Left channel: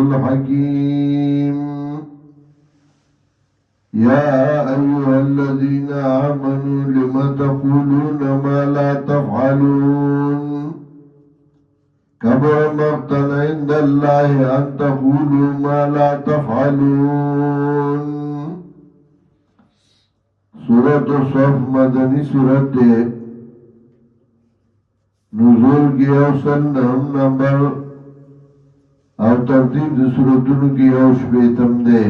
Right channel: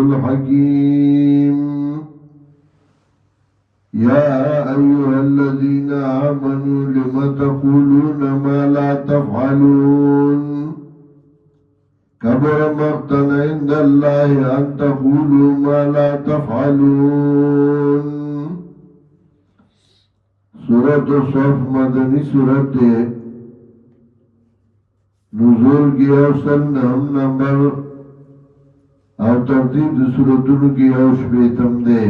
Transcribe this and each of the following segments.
الحكيم يا أيها الذين آمنوا لم تقولون ما لا تفعلون كبر مقتا عند الله أن تقولوا ما لا تفعلون. سورة الصف مدنی سورت ہے. نزول کی اوسن نمبر او ترتیب دی سورتونو کی اوش بیتم دے.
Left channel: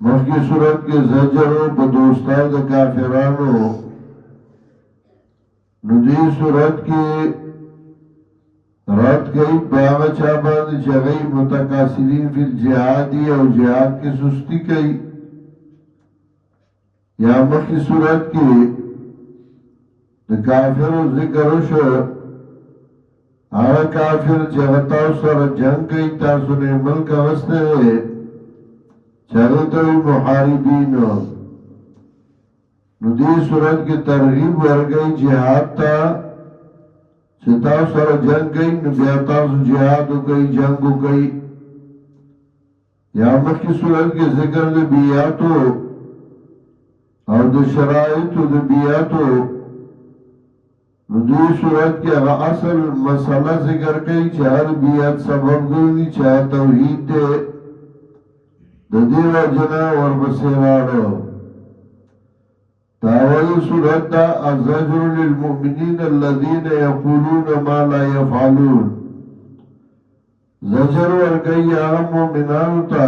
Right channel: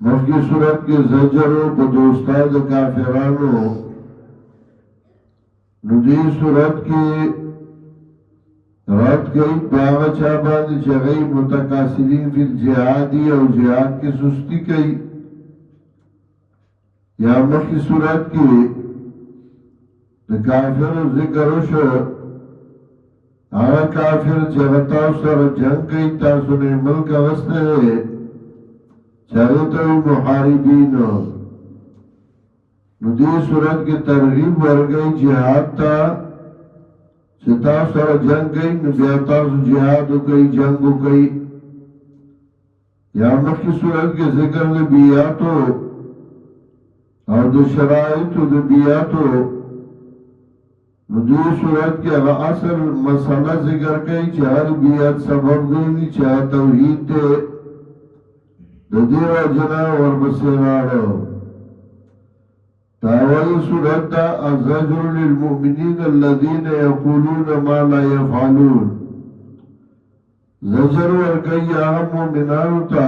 مخی صورت کے زجر پا دوستان دا کافرانو ندی صورت کی رد گئی باغا چابان چگئی متقاصرین فی الجہادی او جہاد کی سستی کئی. یا مخی صورت کی دا کافر ذکر شو آغا کافر چگتاو سر جنگ کئی تاسو نے ملک وستے چاہتا محاربینو. ندی صورت کی ترغیب ورگئی جہاد تا چتا سر جنگ گئی نبیتا سو جہادو گئی جنگو گئی. یا مخی صورت کی ذکر نبیاتو اور دو شرائطو نبیاتو. ندی صورت کی اغا اصل مسئلہ ذکر گئی چاہر بیات سبب گئی چاہ توحید دے دیو جنا وربسیرانو. تاوی صورت دا الزجر للمؤمنین الذین یقولون ما لا یفعلون. زجر ورگئی آغا مومنانو تا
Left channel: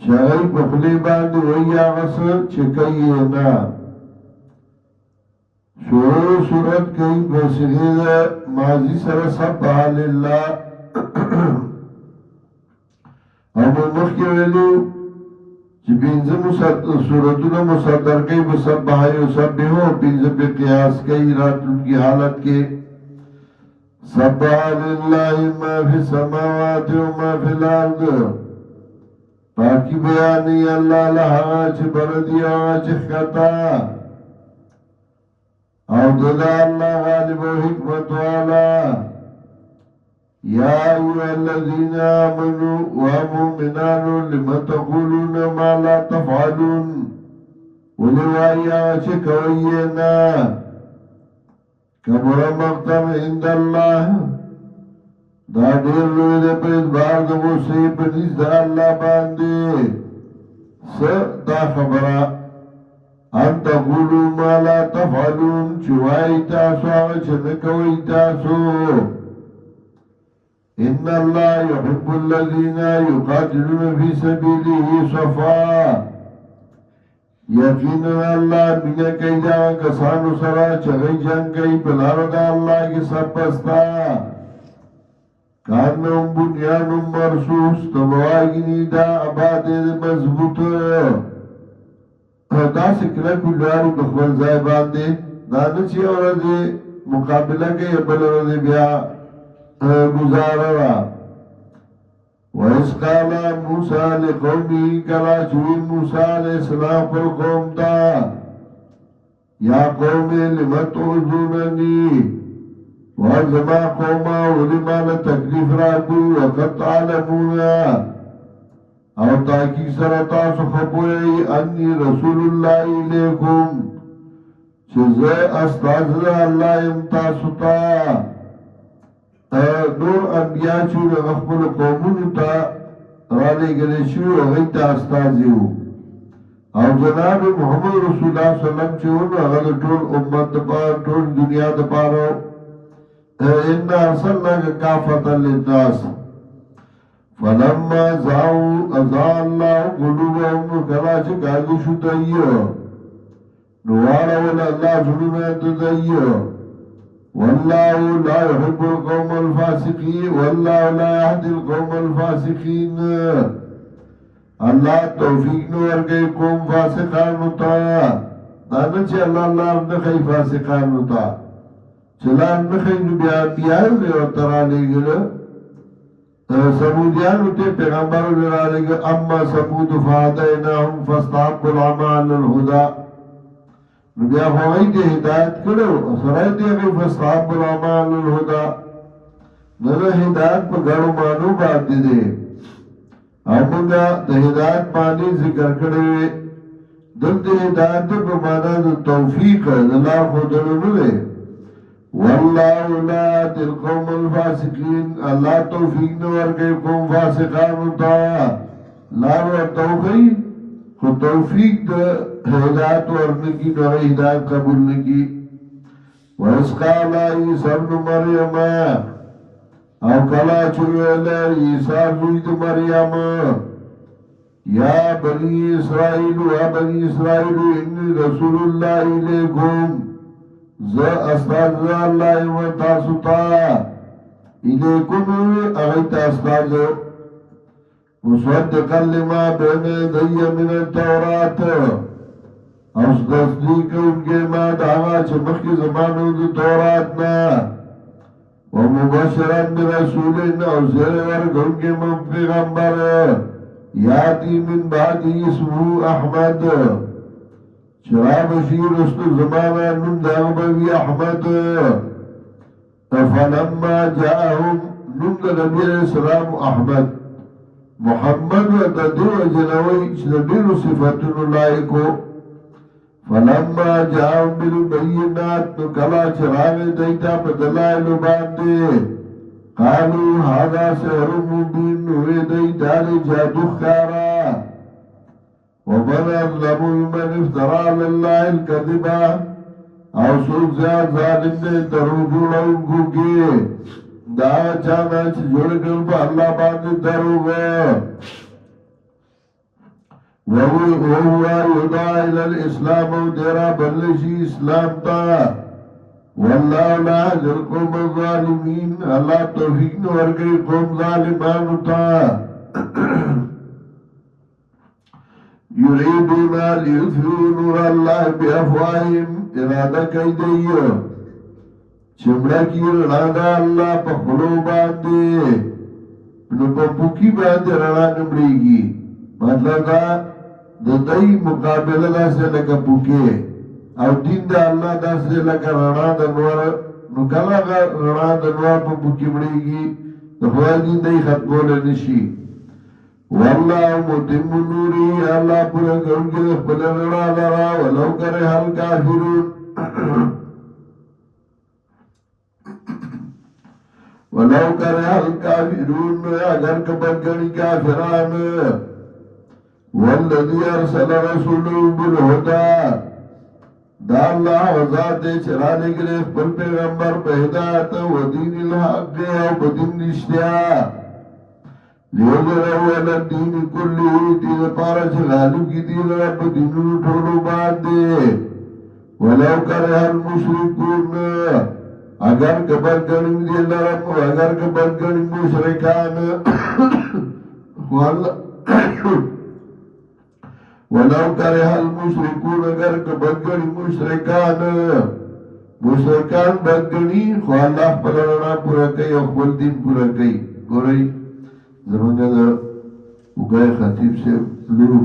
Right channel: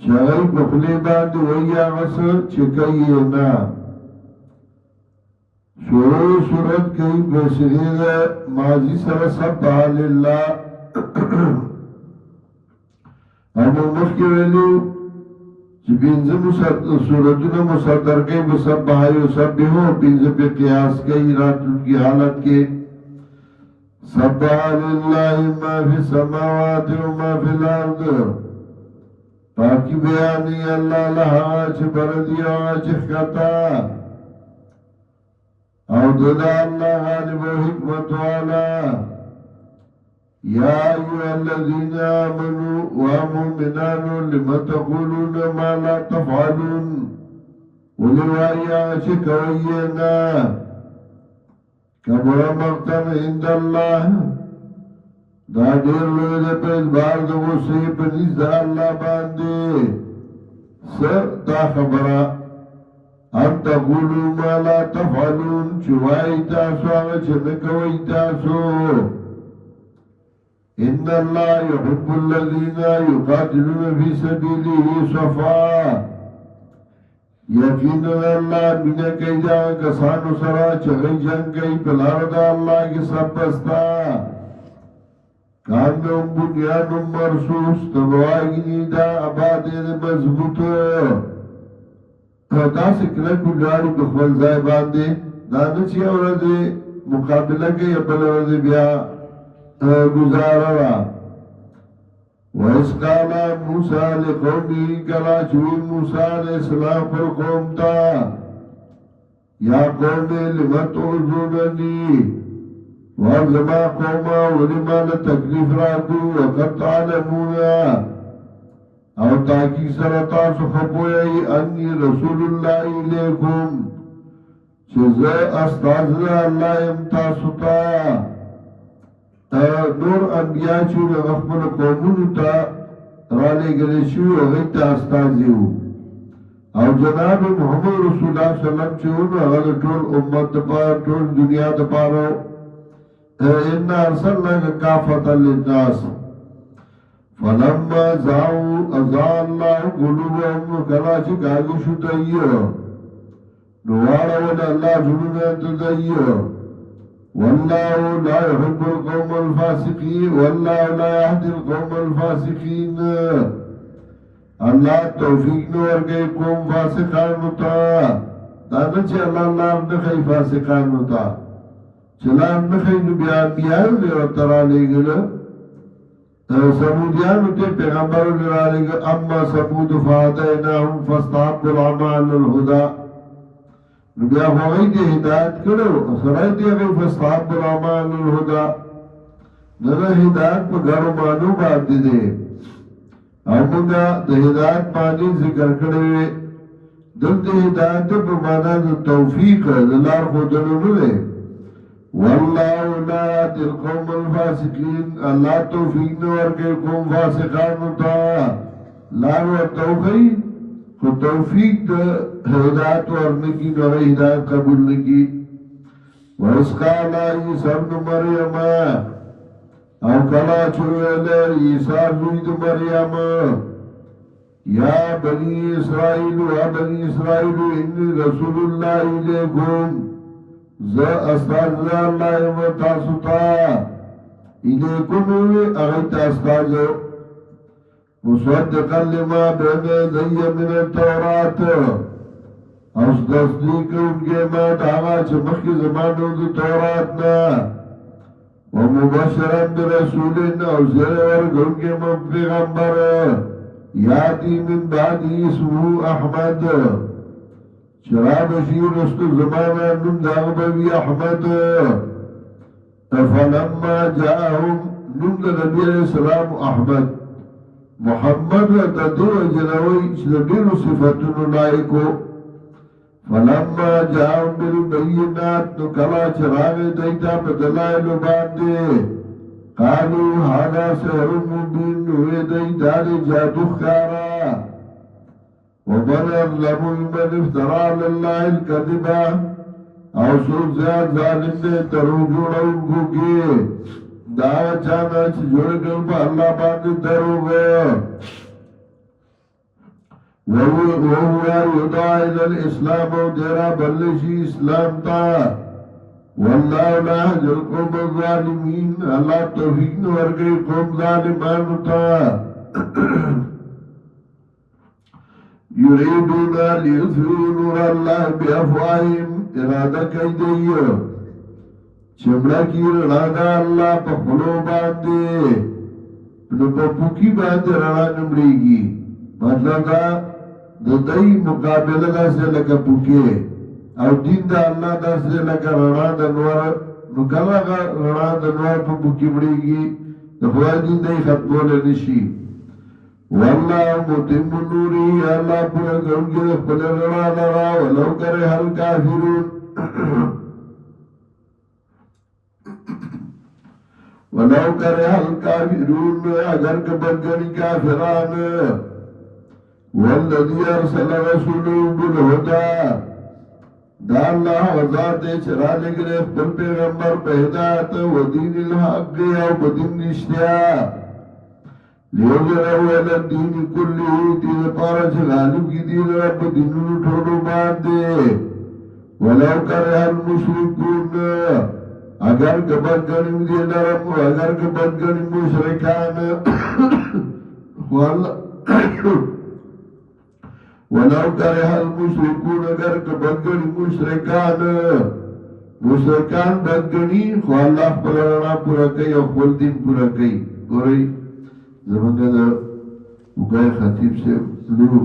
شاگئی بخلی باندی وی آغس چکئی نا. شروع صورت کئی بسیغی دا ماضی سر سبحا للہ امو مخی ویلو چی پینزم صورتون مصدر کئی بسبحا یسبحو پینزم پی قیاس کئی راتون کی حالت کے سبحا للہ ما فی السماوات و ما فی الارض. پاکی بیانی اللہ لہا چی بردی آوا چی خطا او ددا اللہ غالب و حکمت والا. یا ایوہ الذین آمنوا ومؤمنانو لما تقولون ما لا تفعلون. ولوائی آچے کوئینا کبر مقتن عند اللہ دا دیر لوی دے پید بار دو غصی پنیز دا اللہ باندے. سر دا خبرہ ان تقولوا ما لا تفعلون چوائی تاسو آغا چنکوئی تاسو. ان اللہ یحب الذین یقاتلون فی سبیلہ صفا. یقینا اللہ بنا کئی جان کسانو سرا چگئی جنگ کئی پلارد اللہ کی سب بستا. کانم بنیانم مرسوس تبواگنی دا عبادی مضبوط دا سکرہ کلواری بخبر زائی باندے دانا چی اوردی مقابلہ کے بل اوردی بیا گزارا. وَإِذْ قَالَ مُوسَىٰ لِقَوْمِهِ کلا چوئی موسیٰ علیہ السلام پر قوم تا یا قوم لِمَ تُعْذُونَنِي وَارْزَمَا قَوْمَا وَلِمَا لَتَكْلِفْ رَابُوا وَقَدْ عَلَمُونَا. اور تاکی سرطاسو خبوئی انی رسول اللہ علیکم چیزے استاذ اللہ امتاسوتا. نور انبیاء چون غفل قومونو تا رانے گلے شو غیتا استازیو. اور جناب محمد رسول اللہ صلی اللہ علیہ وسلم چون اگر طول امت دپار طول دنیا دپارو انا ارسلنا کافتا للناس فلما زاو ازا اللہ قلوبهم کلا چکاگو شو دئیو نوارا ولا اللہ جنون انت دئیو. واللہ لا يحب القوم الفاسقین واللہ لا يهدي القوم الفاسقین. اللہ توفیق نور گئی قوم فاسقانو تا دانا چی اللہ نخی فاسقانو تا چلان نخی نبی انبیاء لے ورطرا لے گلو. سمودیانو تے پیغمبر لے لے گل اما سمود فادیناهم فاستحبوا العمى علی الہدا. بیا هغوی ته هدایت کړو سره دې هغه فاستحبوا العمى علی الهدى نه د هدایت په ګڼو معنو باندې دی او موږ د هدایت معنی ذکر کړی وي دلته هدایت په معنا د توفیق د لار ښودلو نه دی والله لا يهدي القوم الفاسقين الله توفیق نه ورکوي قوم فاسقانو ته لار ورته وښيي خو توفیق د هدایت ورنکي نو هدایت قبول نکي وإذ قال عيسى ابن مريم او کلا چې ویل عیسی زوی د مریم یا بني اسرائیل یا بني اسرائیل انی رسول الله الیکم ز استاد الله یم تاسو ته الیکم اغه استاد مصدقا لما بین یدی من التورات او تصدیق کوونکی ما داغه چې مخکې زمانو د تورات نه ومبشرا برسول او زیر ورکوونکی من پیغمبر یاتی من بعدی اسمه احمد چرا بشیر رستو زمانا نم داغبوی احمد فلما جاءهم نم دا نبی علیہ السلام احمد محمد دا دیر جنوی چدیر صفتون لائکو فلما جاءهم بالبینات نکلا چراغ دیتا بدلائل باندے قالوا هذا سحر مبين ويدي دالي جادو خارا ومن أظلم من افترى على الله الكذبا او سوک زیاد ظالم دے دروغون اونکو کی دا چانا چی جوڑ گل با اللہ باندے دروغ وهو يدعى الى الاسلام وديرا بلشي اسلام تا والله لا يهدي القوم الظالمين الله توفيق ورکړي قوم ظالمانو ته يريدون ليطفئوا نور الله بافواههم اراده کوي دی چې مړه کی رڼا د الله په خلو باندې نو په پوکی باندې رڼا نمړيږي مطلب دا د دای مقابله داسې لکه پوکی او دین دا الله داسې لکه رڼا د نور نو کله رڼا د نور په پوکی مړیږي د خدای دین دی ختمول نشي والله متم نوري الله پورا کوي خپل رڼا لرا ولو کرے هل کافرون ولو کرے هل کافرون اگر کبرګنی کافران والذي ارسل رسوله بالهدى دا اللہ وزاد دے چرا لگلے خپل پیغمبر په هدایت و دین الحق او بدین نشتیا لیوزرہو علی الدین کلی دین پارا چغالو کی دین رب دینو ٹھولو باندے ولو کرے المشرکون اگر کبر گنم دی لرم اگر کبر گنم مشرکان ولو کرہ المشرکون اگر بدگنی مشرکان بدگنی خو اللہ پلرنا پورا کئی اخبر دین پورا کئی گو رئی زمانگا دا اگای خطیب سے لورو